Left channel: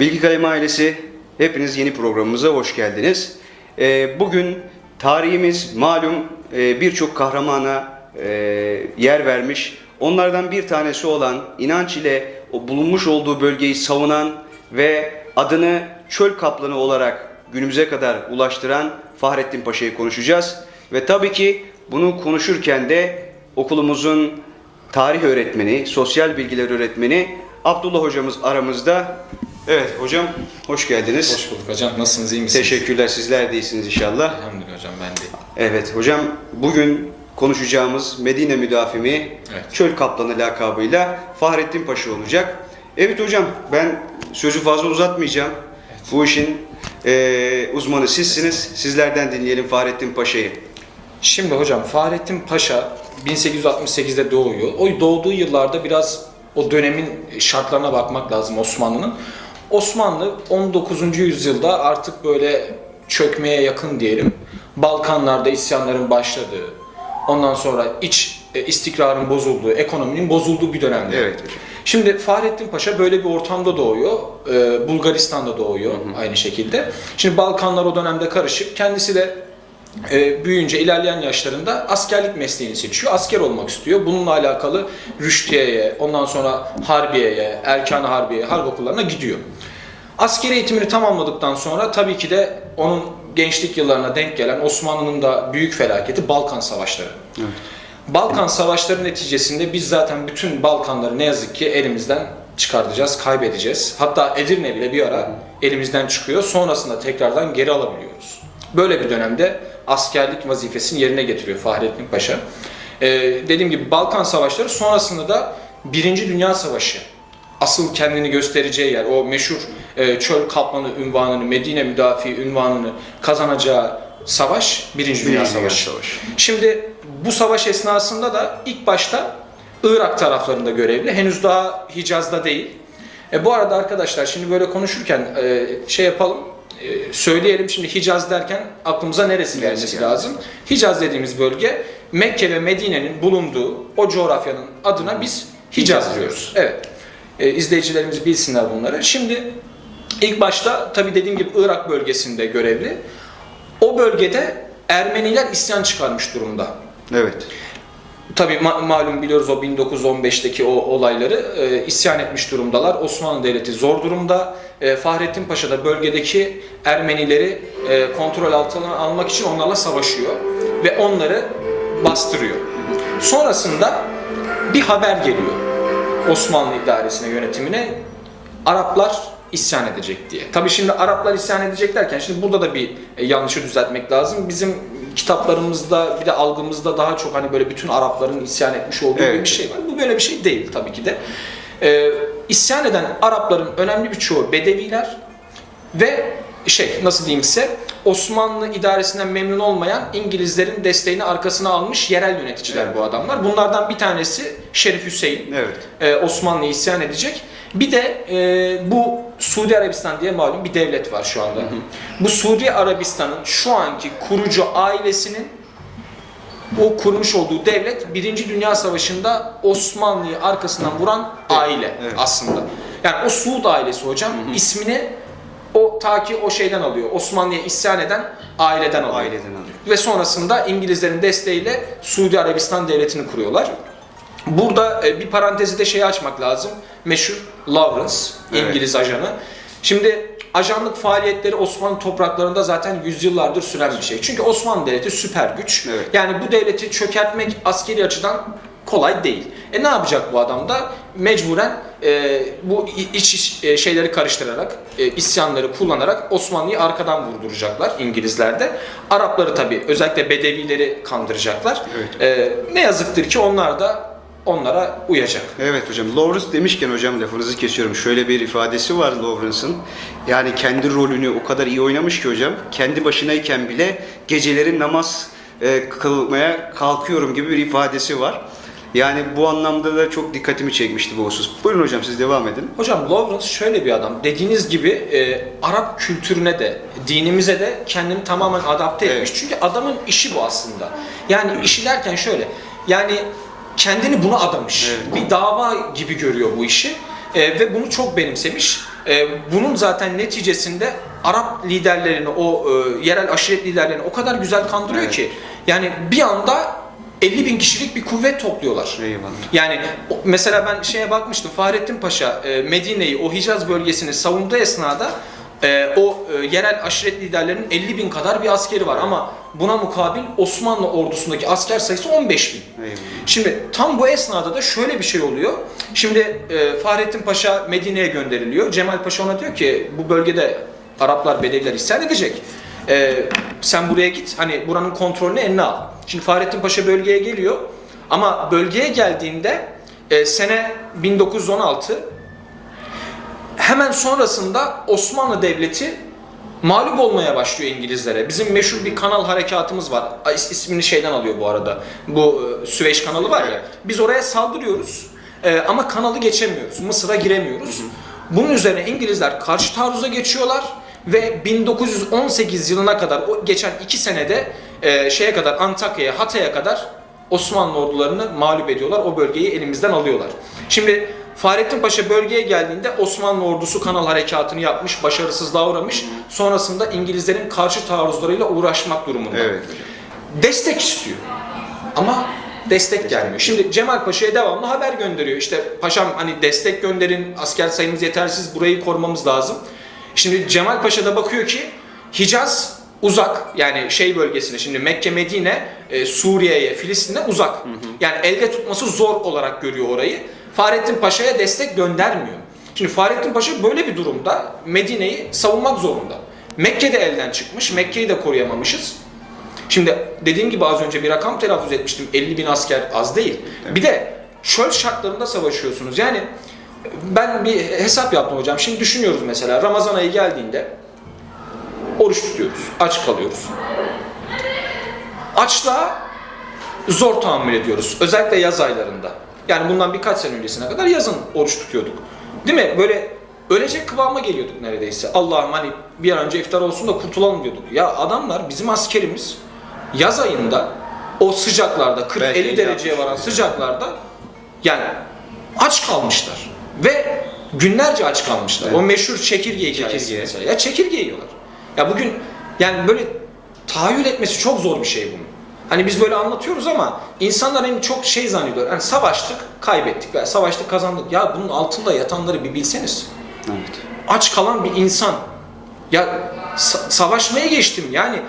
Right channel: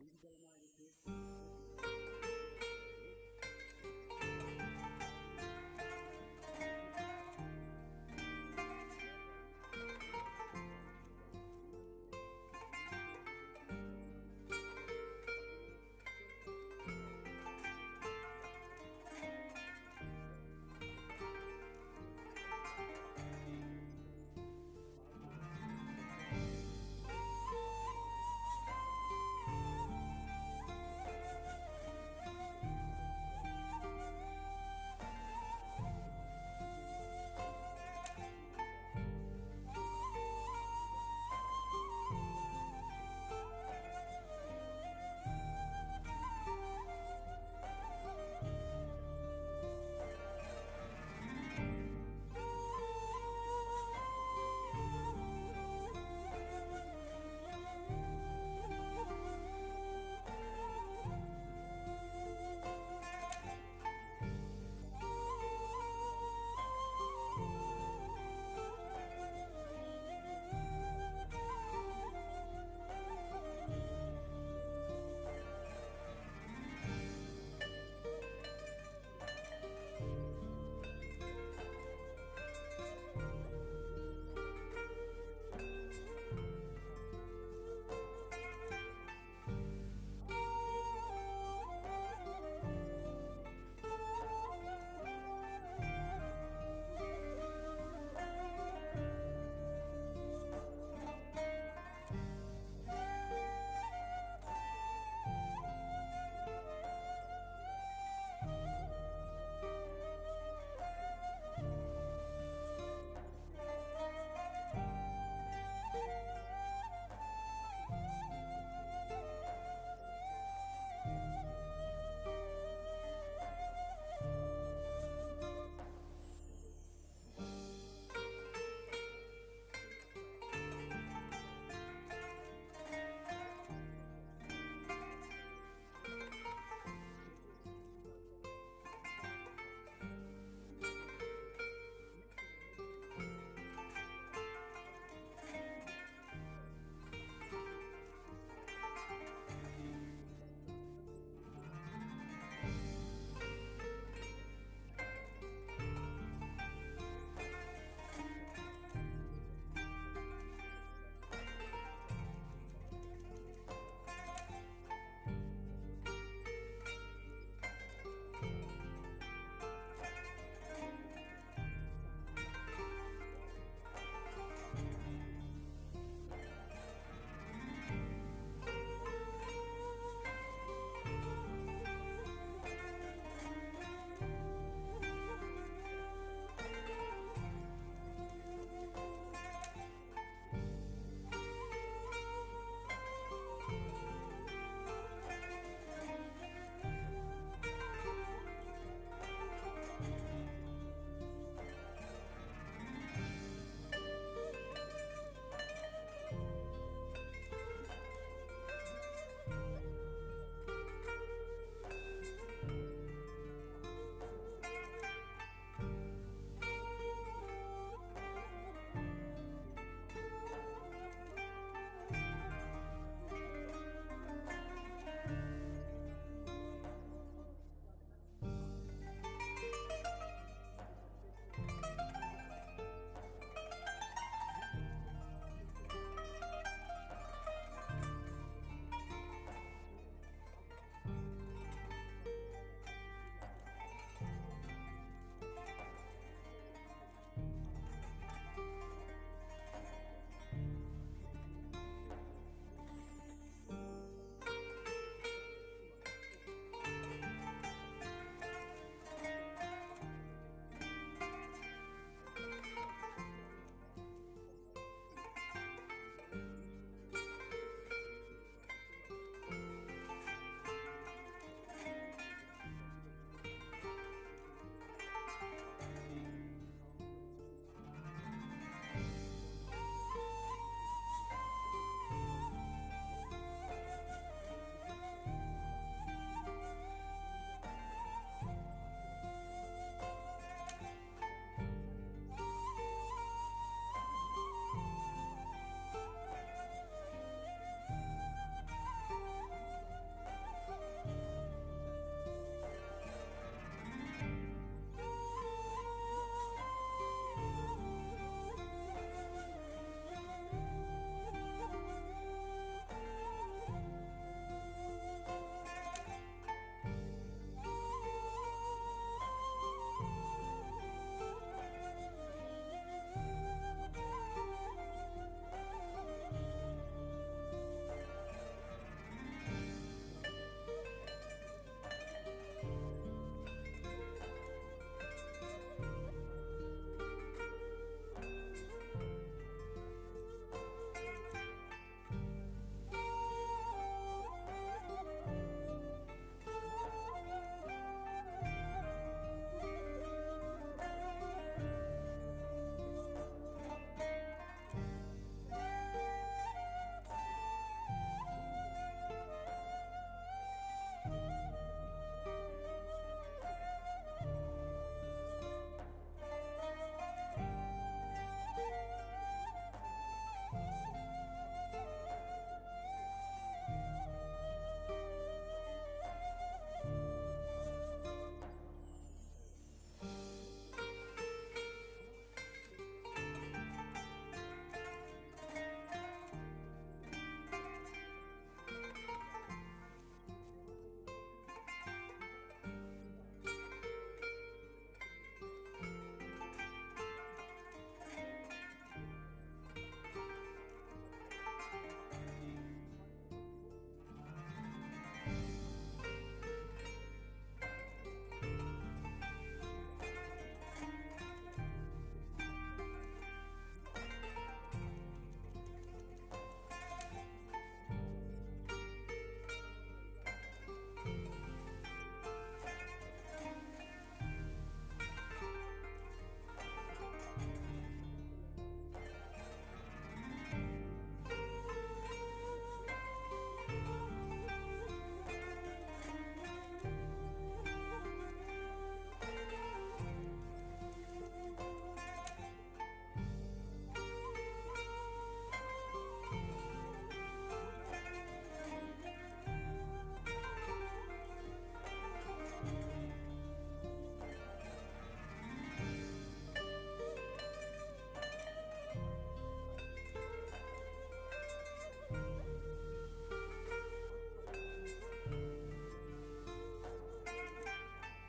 Bilgi Kalemi ailesi, hepiniz yeni programımıza hoş geldiniz. Ee, bugün tarihimiz malum e, birçok kahramana e, yer vermiş. Onlardan bir tanesi olan inanç ile bulunmuş olduğu bölgeyi savunan ve adını çöl kaplanı olarak günümüze kadar ulaştıran Fahrettin Paşa'yı konuşacağız. Ve tabii ki bunu konuşurken de okulumuzun tarih öğretmeni, sosyal bilgiler öğretmeni Abdullah hocamız aramızda. Evet hocam hoş geldiniz. Hoş bulduk hocam. Nasılsınız? iyi misiniz? Teşekkürler sizler de iyisiniz inşallah. Elhamdülillah hocam ben de. Evet hocam bugün konuşacağımız Medine müdafimi Evet. Çöl Kaplanı lakabıyla Fahrettin Paşa olacak. Evet hocam ben sözü fazla uzatmayacağım. Bu işin eee, uzmanı sizsiniz. Sizlerden dinleyelim Fahrettin Paşa'yı. Şimdi hocam Fahrettin Paşa 1868'de doğuyor. O doğduğu yıllarda biraz o dönemin şartlarına bakmak lazım Osmanlı'nın. Osmanlı 19. yüzyılda artık böyle çökmeye yakın diyelim. Balkanlarda isyanların başladığı, ondan sonra iç e, istikrarın bozulduğu, ekonominin bozulduğu bir dönemde. Evet. Şimdi Fahrettin Paşa böyle bir ortamda doğuyor. Ee, Bulgaristan'da doğuyor aynı şekilde. Şimdi Balkanlar o dönemde karışık. Kendisi de e, büyüyünce ilerleyen yaşlarında askerlik mesleğini seçiyor. Asker olmak istiyor. Bununla alakalı Rüştiye'ye, ondan sonra Harbiye'ye, Erkan-ı Harbiye, harp okullarına gidiyor. Askeri eğitimini tamamladıktan sonra tabii ki de onun gençlik yıllarına denk gelen Osmanlı'nın da büyük felaketi Balkan Savaşları. Balkan Savaşları neticesinde biz zaten bütün Balkanları ne yazık ki elimizden çıkartacağız, kaybedeceğiz. Hatta Edirne bile bir ara elimizden çıkıyor. Sonrasında tekrardan geri alabiliyoruz. Böyle bir dönemde askerlik vazifesini yerine getiriyor Fahrettin Paşa. Ee, dediğim gibi Balkan Savaşları sonrasında da Birinci Dünya Savaşı asıl kendini göstereceği yer, o meşhur e, çöl kaplanı ünvanını, Medine müdafi ünvanını kazanacağı savaş Birinci Dünya Savaşı. Savaşı. Şimdi bu savaş esnasında da ilk başta Irak taraflarında görevli. Henüz daha Hicaz'da değil. E, bu arada arkadaşlar şimdi böyle konuşurken e, şey yapalım. e, söyleyelim şimdi Hicaz derken aklımıza neresi gelmesi geldi? lazım? Hicaz dediğimiz bölge Mekke ve Medine'nin bulunduğu o coğrafyanın adına biz Hicaz Hicaz diyoruz. Evet. E, izleyicilerimiz bilsinler bunları. Şimdi ilk başta tabii dediğim gibi Irak bölgesinde görevli. O bölgede Ermeniler isyan çıkarmış durumda. Evet. Tabii ma- malum biliyoruz o 1915'teki o olayları e, isyan etmiş durumdalar. Osmanlı Devleti zor durumda. E, Fahrettin Paşa da bölgedeki Ermenileri e, kontrol altına almak için onlarla savaşıyor ve onları bastırıyor. Sonrasında bir haber geliyor Osmanlı idaresine, yönetimine. Araplar isyan edecek diye. Tabii şimdi Araplar isyan edecek derken şimdi burada da bir e, yanlışı düzeltmek lazım. Bizim kitaplarımızda bir de algımızda daha çok hani böyle bütün Arapların isyan etmiş olduğu Evet. bir şey var. Bu böyle bir şey değil tabii ki de. Ee, isyan eden Arapların önemli bir çoğu Bedeviler ve şey nasıl diyeyim size Osmanlı idaresinden memnun olmayan İngilizlerin desteğini arkasına almış yerel yöneticiler bu adamlar. Bunlardan bir tanesi Şerif Hüseyin Evet. e, Osmanlı'ya isyan edecek. Bir de e, bu Suudi Arabistan diye malum bir devlet var şu anda. Bu Suudi Arabistan'ın şu anki kurucu ailesinin o kurmuş olduğu devlet Birinci Dünya Savaşı'nda Osmanlı'yı arkasından vuran aile evet. aslında. Yani o Suud ailesi hocam ismini o ta ki o şeyden alıyor. Osmanlı'ya isyan eden aileden alıyor. Aileden alıyor. Ve sonrasında İngilizlerin desteğiyle Suudi Arabistan devletini kuruyorlar. Burada e, bir parantezi de şeyi açmak lazım. Meşhur Lawrence, Evet. İngiliz ajanı. Şimdi ajanlık faaliyetleri Osmanlı topraklarında zaten yüzyıllardır süren bir şey. Çünkü Osmanlı Devleti süper güç. Evet. Yani bu devleti çökertmek askeri açıdan kolay değil. E ne yapacak bu adam da? Mecburen e, bu iç, iç, e, şeyleri karıştırarak, e, isyanları kullanarak Osmanlı'yı arkadan vurduracaklar İngilizler de. Arapları tabii özellikle Bedevileri kandıracaklar. Evet. E, ne yazıktır ki onlar da onlara uyacak. Evet hocam. Lawrence demişken hocam lafınızı kesiyorum. Şöyle bir ifadesi var Lawrence'ın. Yani kendi rolünü o kadar iyi oynamış ki hocam. Kendi başınayken bile geceleri namaz e, kılmaya kalkıyorum gibi bir ifadesi var. Yani bu anlamda da çok dikkatimi çekmişti bu husus. Buyurun hocam siz devam edin. Hocam Lawrence şöyle bir adam. Dediğiniz gibi e, Arap kültürüne de, dinimize de kendini tamamen adapte etmiş. Evet. Çünkü adamın işi bu aslında. Yani işi derken şöyle. Yani kendini buna adamış. Evet. Bir dava gibi görüyor bu işi. E, ve bunu çok benimsemiş. e, bunun zaten neticesinde Arap liderlerini, o e, yerel aşiret liderlerini o kadar güzel kandırıyor Evet. ki yani bir anda 50 bin kişilik bir kuvvet topluyorlar. Eyvallah. Yani mesela ben şeye bakmıştım Fahrettin Paşa e, Medine'yi o Hicaz bölgesini savunduğu esnada e, o e, yerel aşiret liderlerinin 50 bin kadar bir askeri var ama buna mukabil Osmanlı ordusundaki asker sayısı 15 bin. Eyvallah. Şimdi tam bu esnada da şöyle bir şey oluyor. Şimdi Fahrettin Paşa Medine'ye gönderiliyor. Cemal Paşa ona diyor ki bu bölgede Araplar, Bedeviler isyan edecek. Sen buraya git hani buranın kontrolünü eline al. Şimdi Fahrettin Paşa bölgeye geliyor. Ama bölgeye geldiğinde e, sene 1916 hemen sonrasında Osmanlı Devleti mağlup olmaya başlıyor İngilizlere. Bizim meşhur bir kanal harekatımız var. İs- ismini şeyden alıyor bu arada. Bu e, Süveyş kanalı var ya. Biz oraya saldırıyoruz e, ama kanalı geçemiyoruz. Mısır'a giremiyoruz. Bunun üzerine İngilizler karşı taarruza geçiyorlar ve 1918 yılına kadar o geçen iki senede e, şeye kadar Antakya'ya, Hatay'a kadar Osmanlı ordularını mağlup ediyorlar. O bölgeyi elimizden alıyorlar. Şimdi Fahrettin Paşa bölgeye geldiğinde Osmanlı ordusu kanal harekatını yapmış, başarısızlığa uğramış. Sonrasında İngilizlerin karşı taarruzlarıyla uğraşmak durumunda. Evet. Destek istiyor. Ama destek gelmiyor. Şimdi Cemal Paşa'ya devamlı haber gönderiyor. İşte paşam hani destek gönderin, asker sayımız yetersiz, burayı korumamız lazım. Şimdi Cemal Paşa da bakıyor ki Hicaz uzak yani şey bölgesine şimdi Mekke Medine e, Suriye'ye Filistin'e uzak. Yani elde tutması zor olarak görüyor orayı. Fahrettin Paşa'ya destek göndermiyor. Şimdi Fahrettin Paşa böyle bir durumda Medine'yi savunmak zorunda. Mekke de elden çıkmış. Mekke'yi de koruyamamışız. Şimdi dediğim gibi az önce bir rakam telaffuz etmiştim. 50 bin asker az değil. Bir de çöl şartlarında savaşıyorsunuz. Yani ben bir hesap yaptım hocam. Şimdi düşünüyoruz mesela Ramazan ayı geldiğinde oruç tutuyoruz. Aç kalıyoruz. Açlığa zor tahammül ediyoruz. Özellikle yaz aylarında. Yani bundan birkaç sene öncesine kadar yazın oruç tutuyorduk. Değil mi? Böyle ölecek kıvama geliyorduk neredeyse. Allah'ım hani bir an önce iftar olsun da kurtulalım diyorduk. Ya adamlar bizim askerimiz yaz ayında o sıcaklarda Belki 40-50 dereceye varan sıcaklarda yani aç kalmışlar. Ve günlerce aç kalmışlar. Evet. O meşhur çekirge hikayesi Çekirge. mesela. Ya çekirge yiyorlar. Ya bugün yani böyle tahayyül etmesi çok zor bir şey bunun. Hani biz böyle anlatıyoruz ama insanlar hani çok şey zannediyor. Hani savaştık, kaybettik. veya savaştık, kazandık. Ya bunun altında yatanları bir bilseniz. Evet. Aç kalan bir insan. Ya sa- savaşmaya geçtim. Yani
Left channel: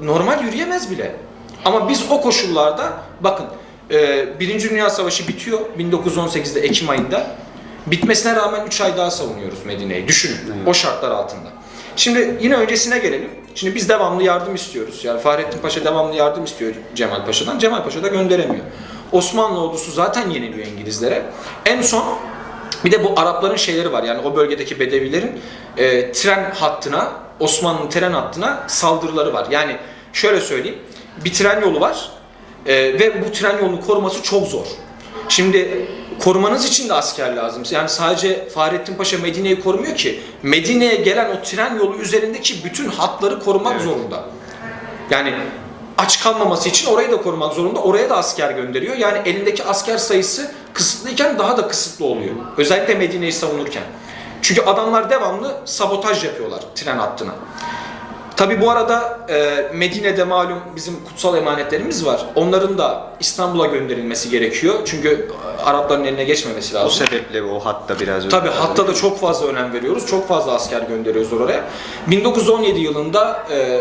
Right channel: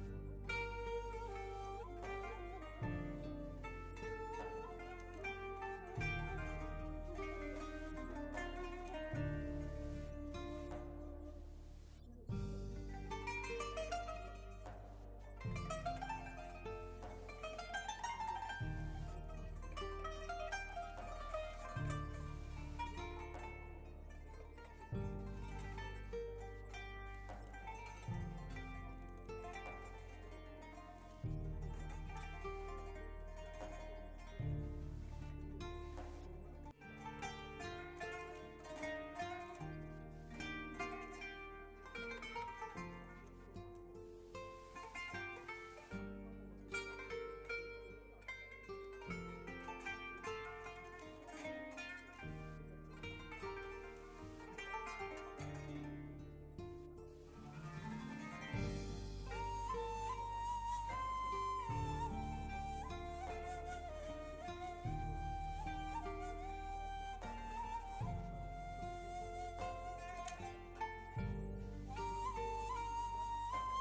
normal yürüyemez bile. Ama biz o koşullarda bakın e, Birinci Dünya Savaşı bitiyor 1918'de Ekim ayında. Bitmesine rağmen 3 ay daha savunuyoruz Medine'yi. Düşünün Evet. o şartlar altında. Şimdi yine öncesine gelelim. Şimdi biz devamlı yardım istiyoruz. Yani Fahrettin Paşa devamlı yardım istiyor Cemal Paşa'dan. Cemal Paşa da gönderemiyor. Osmanlı ordusu zaten yeniliyor İngilizlere. En son bir de bu Arapların şeyleri var. Yani o bölgedeki Bedevilerin e, tren hattına, Osmanlı tren hattına saldırıları var. Yani şöyle söyleyeyim. Bir tren yolu var. e, ve bu tren yolunu koruması çok zor. Şimdi korumanız için de asker lazım. Yani sadece Fahrettin Paşa Medine'yi korumuyor ki. Medine'ye gelen o tren yolu üzerindeki bütün hatları korumak Evet. zorunda. Yani aç kalmaması için orayı da korumak zorunda. Oraya da asker gönderiyor. Yani elindeki asker sayısı kısıtlıyken daha da kısıtlı oluyor. Özellikle Medine'yi savunurken. Çünkü adamlar devamlı sabotaj yapıyorlar tren hattına. Tabi bu arada e, Medine'de malum bizim kutsal emanetlerimiz var. Onların da İstanbul'a gönderilmesi gerekiyor. Çünkü Arapların eline geçmemesi O lazım. sebeple o hatta biraz Tabi hatta da çok fazla önem veriyoruz. Çok fazla asker gönderiyoruz oraya. 1917 yılında e,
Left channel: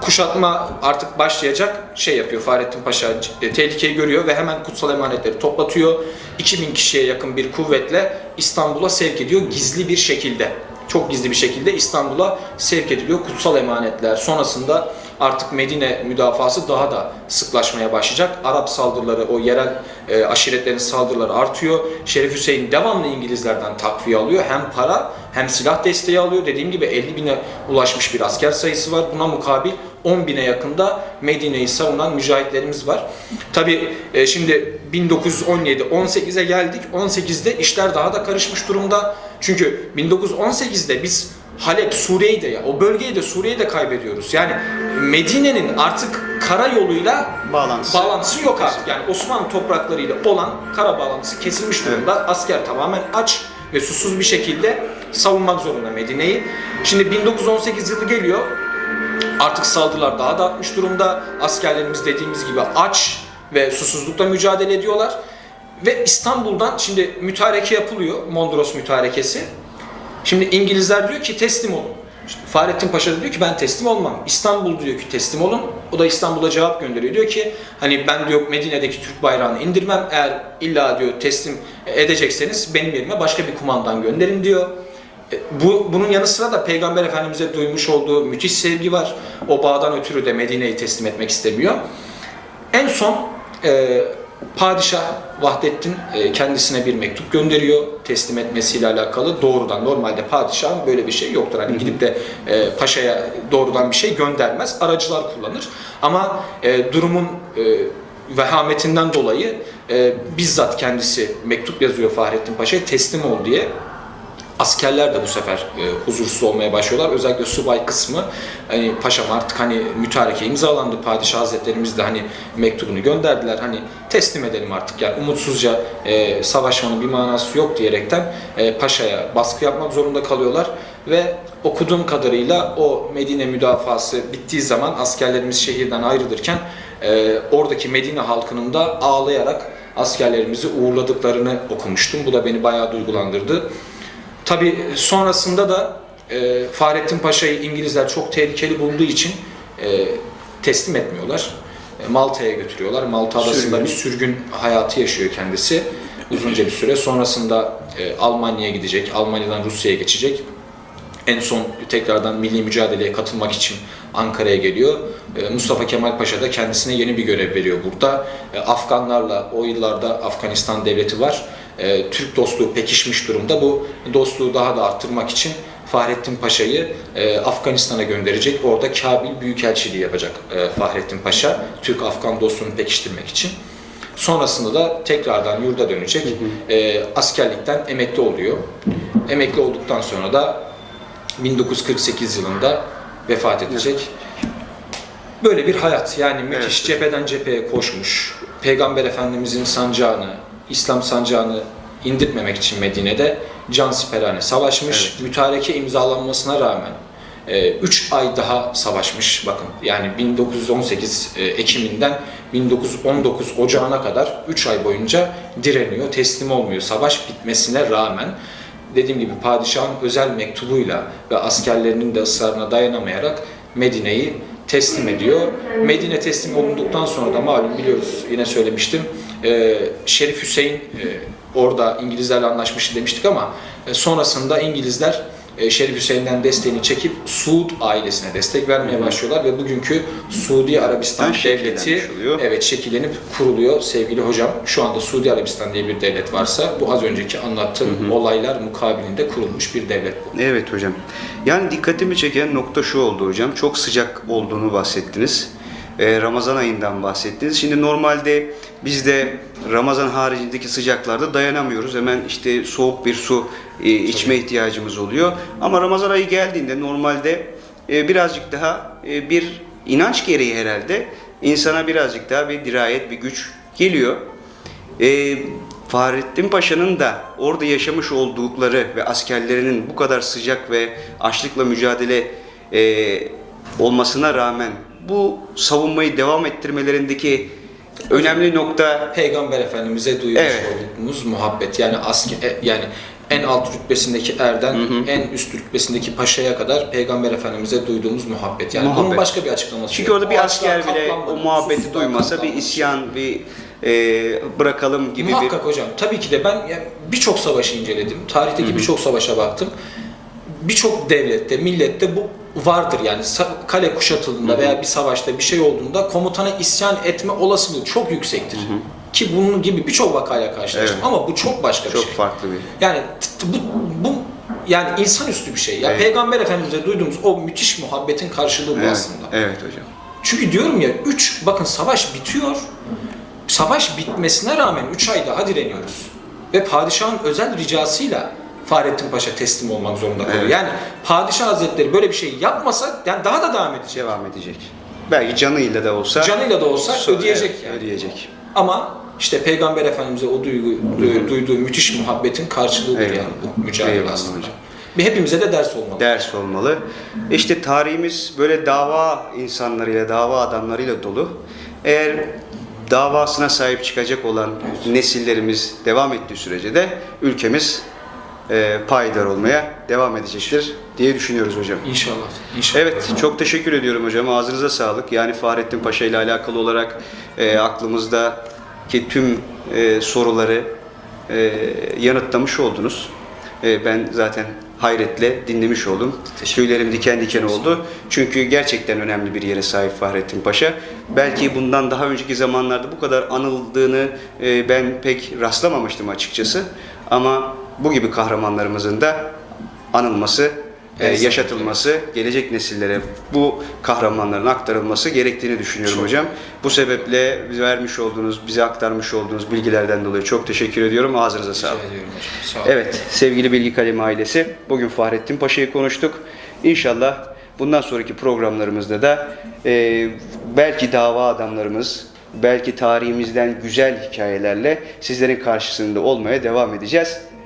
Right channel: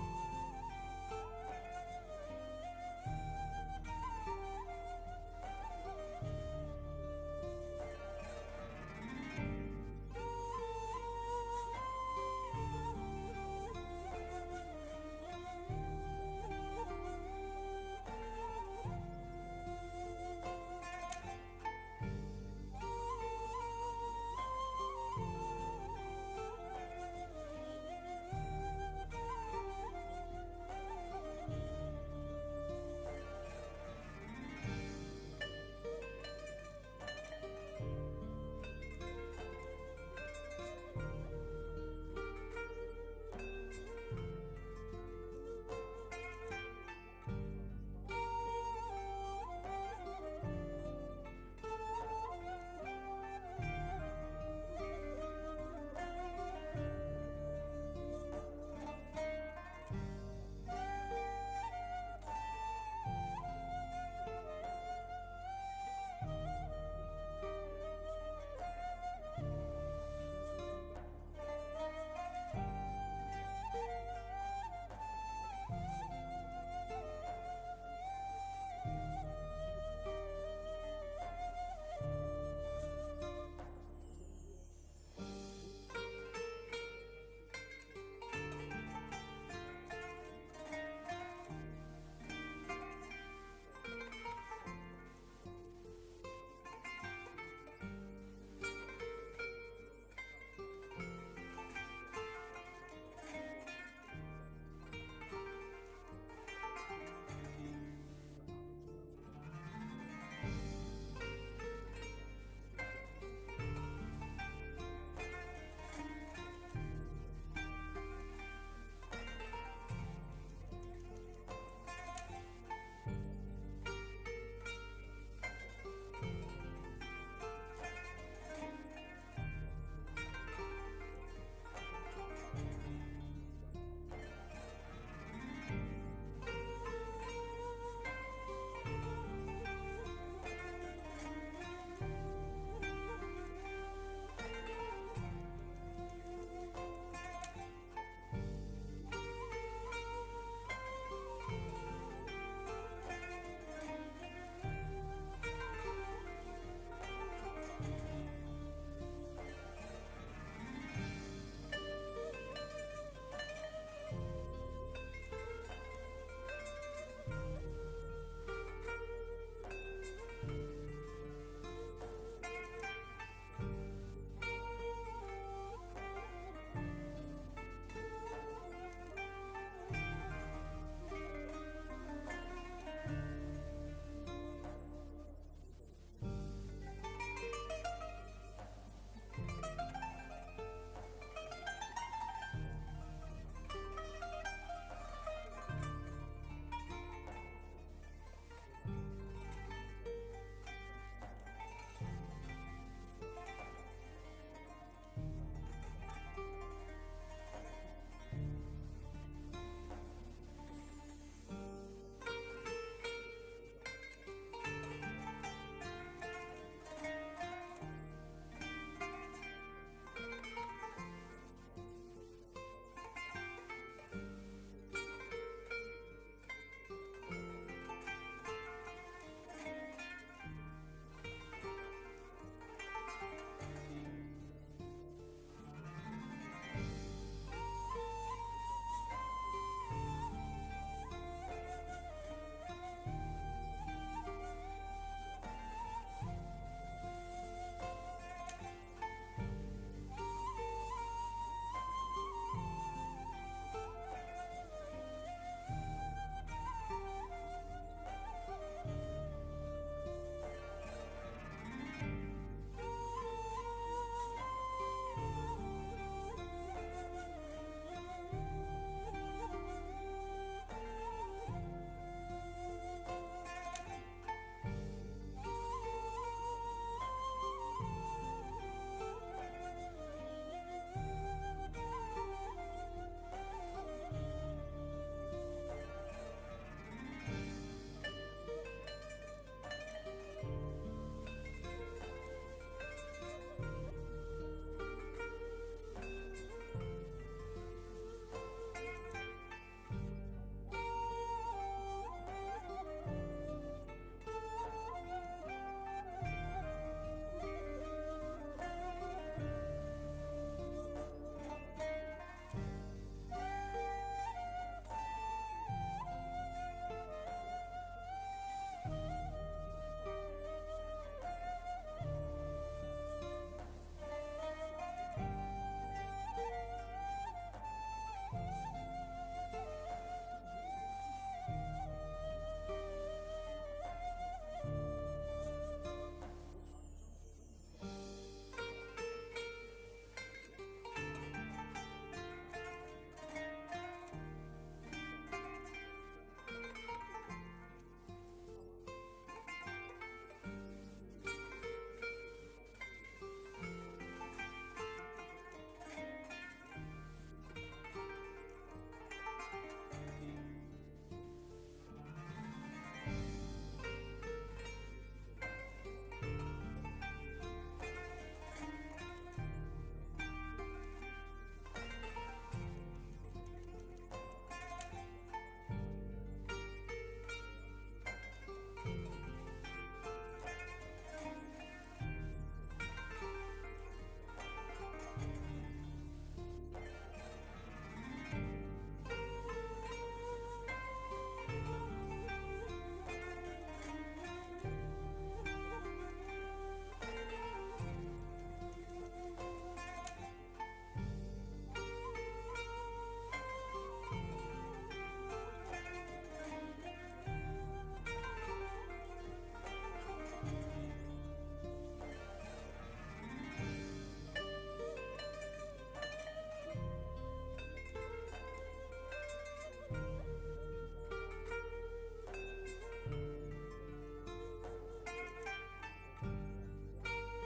kuşatma artık başlayacak şey yapıyor Fahrettin Paşa e, tehlikeyi görüyor ve hemen kutsal emanetleri toplatıyor. 2000 kişiye yakın bir kuvvetle İstanbul'a sevk ediyor gizli bir şekilde. Çok gizli bir şekilde İstanbul'a sevk ediliyor kutsal emanetler. Sonrasında artık Medine müdafası daha da sıklaşmaya başlayacak. Arap saldırıları, o yerel e, aşiretlerin saldırıları artıyor. Şerif Hüseyin devamlı İngilizlerden takviye alıyor. Hem para hem silah desteği alıyor. Dediğim gibi 50 bine ulaşmış bir asker sayısı var. Buna mukabil 10 bine yakında Medine'yi savunan mücahitlerimiz var. Tabi şimdi 1917, 18'e geldik. 18'de işler daha da karışmış durumda. Çünkü 1918'de biz Halep, Suriye'yi de ya o bölgeyi de Suriye'yi de kaybediyoruz. Yani Medine'nin artık karayoluyla bağlantısı. bağlantısı yok artık. Yani Osmanlı topraklarıyla olan kara bağlantısı kesilmiş durumda. Asker tamamen aç ve susuz bir şekilde savunmak zorunda Medine'yi. Şimdi 1918 yılı geliyor. Artık saldırılar daha da artmış durumda. Askerlerimiz dediğimiz gibi aç ve susuzlukla mücadele ediyorlar. Ve İstanbul'dan şimdi mütareke yapılıyor. Mondros mütarekesi. Şimdi İngilizler diyor ki teslim olun. İşte Fahrettin Paşa da diyor ki ben teslim olmam. İstanbul diyor ki teslim olun. O da İstanbul'a cevap gönderiyor. Diyor ki hani ben diyor Medine'deki Türk bayrağını indirmem. Eğer illa diyor teslim edecekseniz benim yerime başka bir kumandan gönderin diyor. E, Bu, bunun yanı sıra da Peygamber Efendimiz'e duymuş olduğu müthiş sevgi var. O bağdan ötürü de Medine'yi teslim etmek istemiyor. En son e, Padişah Vahdettin e, kendisine bir mektup gönderiyor teslim etmesiyle alakalı. Doğrudan normalde padişahın böyle bir şey yoktur. Hani gidip de e, paşaya doğrudan bir şey göndermez. Aracılar kullanır. Ama e, durumun e, vehametinden dolayı e, bizzat kendisi mektup yazıyor Fahrettin Paşa'ya teslim ol diye. Askerler de bu sefer e, huzursuz olmaya başlıyorlar. Özellikle subay kısmı hani paşam artık hani mütareke imzalandı. Padişah Hazretlerimiz de hani mektubunu gönderdiler. Hani teslim edelim artık yani umutsuzca e, savaşmanın bir manası yok diyerekten e, paşaya baskı yapmak zorunda kalıyorlar ve okuduğum kadarıyla o Medine müdafası bittiği zaman askerlerimiz şehirden ayrılırken e, oradaki Medine halkının da ağlayarak askerlerimizi uğurladıklarını okumuştum. Bu da beni bayağı duygulandırdı. Tabi sonrasında da e, Fahrettin Paşa'yı İngilizler çok tehlikeli bulduğu için e, teslim etmiyorlar. E, Malta'ya götürüyorlar. Malta adasında Sürgün. bir sürgün hayatı yaşıyor kendisi uzunca bir süre. Sonrasında e, Almanya'ya gidecek, Almanya'dan Rusya'ya geçecek. En son tekrardan milli mücadeleye katılmak için Ankara'ya geliyor. E, Mustafa Kemal Paşa da kendisine yeni bir görev veriyor burada. E, Afganlarla o yıllarda Afganistan devleti var. E, Türk dostluğu pekişmiş durumda. Bu dostluğu daha da arttırmak için Fahrettin Paşa'yı e, Afganistan'a gönderecek. Orada Kabil Büyükelçiliği yapacak e, Fahrettin Paşa. Türk-Afgan dostluğunu pekiştirmek için. Sonrasında da tekrardan yurda dönecek. E, askerlikten emekli oluyor. Emekli olduktan sonra da 1948 yılında vefat edecek. Böyle bir hayat yani müthiş cepheden cepheye koşmuş. Peygamber Efendimizin sancağını, İslam sancağını indirtmemek için Medine'de can siperhane savaşmış. Mütareke imzalanmasına rağmen 3 ay daha savaşmış bakın. Yani 1918 e, Ekim'inden 1919 Ocağı'na kadar 3 ay boyunca direniyor, teslim olmuyor. Savaş bitmesine rağmen dediğim gibi padişahın özel mektubuyla ve askerlerinin de ısrarına dayanamayarak Medine'yi teslim ediyor. Medine teslim olunduktan sonra da malum biliyoruz yine söylemiştim. E, Şerif Hüseyin e, orada İngilizlerle anlaşmıştı demiştik ama e, sonrasında İngilizler e, Şerif Hüseyin'den desteğini çekip Suud ailesine destek vermeye başlıyorlar ve bugünkü Suudi Arabistan Ben devleti oluyor. evet şekillenip kuruluyor sevgili hocam. Şu anda Suudi Arabistan diye bir devlet varsa bu az önceki anlattığım olaylar mukabilinde kurulmuş bir devlet bu. Evet hocam. Yani dikkatimi çeken nokta şu oldu hocam. Çok sıcak olduğunu bahsettiniz. Ee, Ramazan ayından bahsettiniz. Şimdi normalde biz de Ramazan haricindeki sıcaklarda dayanamıyoruz. Hemen işte soğuk bir su e, içme ihtiyacımız oluyor. Ama Ramazan ayı geldiğinde normalde e, birazcık daha e, bir inanç gereği herhalde insana birazcık daha bir dirayet, bir güç geliyor. Ee, Fahrettin Paşa'nın da orada yaşamış oldukları ve askerlerinin bu kadar sıcak ve açlıkla mücadele e, olmasına rağmen bu savunmayı devam ettirmelerindeki önemli nokta Peygamber Efendimiz'e duymuş Evet. olduğumuz muhabbet yani asker yani en alt rütbesindeki erden en üst rütbesindeki paşaya kadar Peygamber Efendimiz'e duyduğumuz muhabbet. Yani bunun Muhabbet. başka bir açıklaması çünkü yok. orada bir asker bile o muhabbeti duymasa bir isyan, bir e, bırakalım gibi Muhakkak hocam. Tabii ki de ben yani birçok savaşı inceledim. Tarihteki birçok savaşa baktım. Birçok devlette, millette bu vardır yani kale kuşatıldığında veya bir savaşta bir şey olduğunda komutana isyan etme olasılığı çok yüksektir. Ki bunun gibi birçok vakayla karşılaştım Evet. ama bu çok başka bir bir çok şey. farklı bir. Yani bu, bu yani insanüstü bir şey. Ya Evet. Peygamber Efendimiz'e duyduğumuz o müthiş muhabbetin karşılığı bu Evet, aslında. evet hocam. Çünkü diyorum ya 3 bakın savaş bitiyor. Savaş bitmesine rağmen 3 ay daha direniyoruz. Ve padişahın özel ricasıyla Fahrettin Paşa teslim olmak zorunda kalıyor. Evet. Yani padişah hazretleri böyle bir şey yapmasa yani daha da devam edecek. Devam edecek. Belki canıyla da olsa Canıyla da olsa so- ödeyecek evet, yani. ödeyecek. Ama işte Peygamber Efendimiz'e o duygu, du- duyduğu müthiş muhabbetin karşılığıdır Eyvallah. yani bu mücadele Eyvallah aslında. hocam. Bir hepimize de ders olmalı. ders olmalı. İşte tarihimiz böyle dava insanlarıyla, dava adamlarıyla dolu. Eğer davasına sahip çıkacak olan nesillerimiz devam ettiği sürece de ülkemiz e, payidar olmaya devam edecektir diye düşünüyoruz hocam. İnşallah. İnşallah. Evet, çok teşekkür ediyorum hocam. Ağzınıza sağlık. Yani Fahrettin Paşa ile alakalı olarak e, aklımızdaki tüm e, soruları e, yanıtlamış oldunuz. E, ben zaten hayretle dinlemiş oldum. Tüylerim diken diken oldu. Çünkü gerçekten önemli bir yere sahip Fahrettin Paşa. Belki bundan daha önceki zamanlarda bu kadar anıldığını e, ben pek rastlamamıştım açıkçası. Ama bu gibi kahramanlarımızın da anılması Evet. yaşatılması, gelecek nesillere bu kahramanların aktarılması gerektiğini düşünüyorum hocam. Bu sebeple vermiş olduğunuz, bize aktarmış olduğunuz bilgilerden dolayı çok teşekkür ediyorum. Ağzınıza sağlık. Sağ olun. Evet, sevgili Bilgi Kalemi ailesi, bugün Fahrettin Paşa'yı konuştuk. İnşallah bundan sonraki programlarımızda da e, belki dava adamlarımız, belki tarihimizden güzel hikayelerle sizlerin karşısında olmaya devam edeceğiz.